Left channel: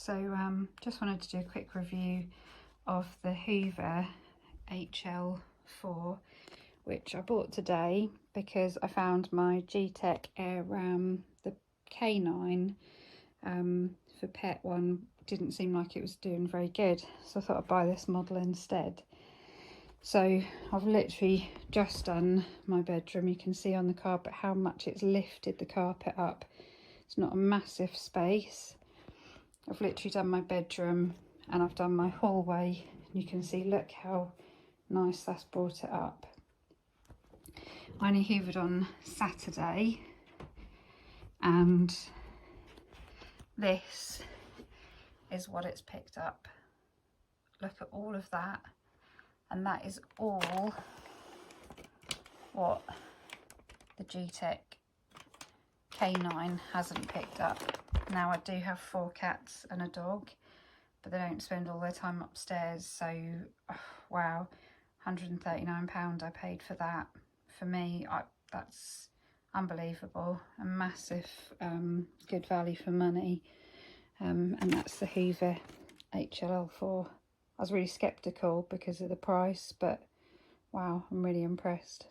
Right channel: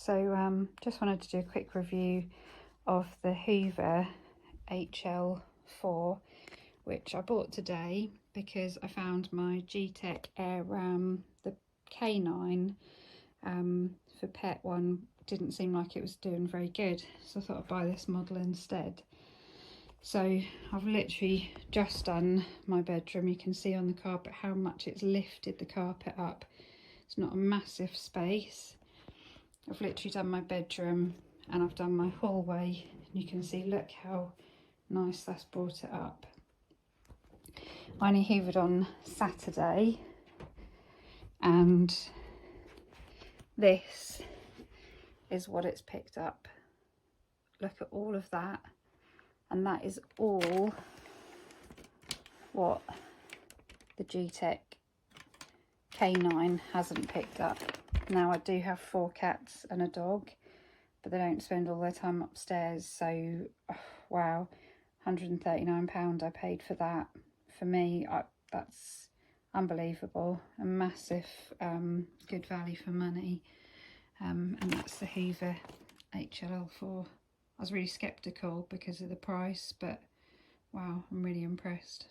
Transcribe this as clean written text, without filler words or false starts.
So just wanted to do a quick review of the Hoover HL4, which I bought today because I found my G-Tech Air Ram, the K9 for pet one, didn't seem like it was doing very good, so I thought I'd buy this model instead. So I've literally just done my bedroom. You can see on the carpet how much it's lifted the carpet up. It's not a massive space. I've literally done my bedroom and I've done my hallway. You can see, look how nice that's brought it up. I only hoovered on Saturday, and this is what it's picked up. Look at all of that, and that is all what the G-Tech K9 hasn't picked up. Now, I do have 4 cats and a dog, but they don't spend all their time upstairs, so wow, £139 I paid for that. For me, that's unbelievable, a massive good value for money. And that's the Hoover HL4. I was really sceptical because of the price, but wow, I'm really impressed.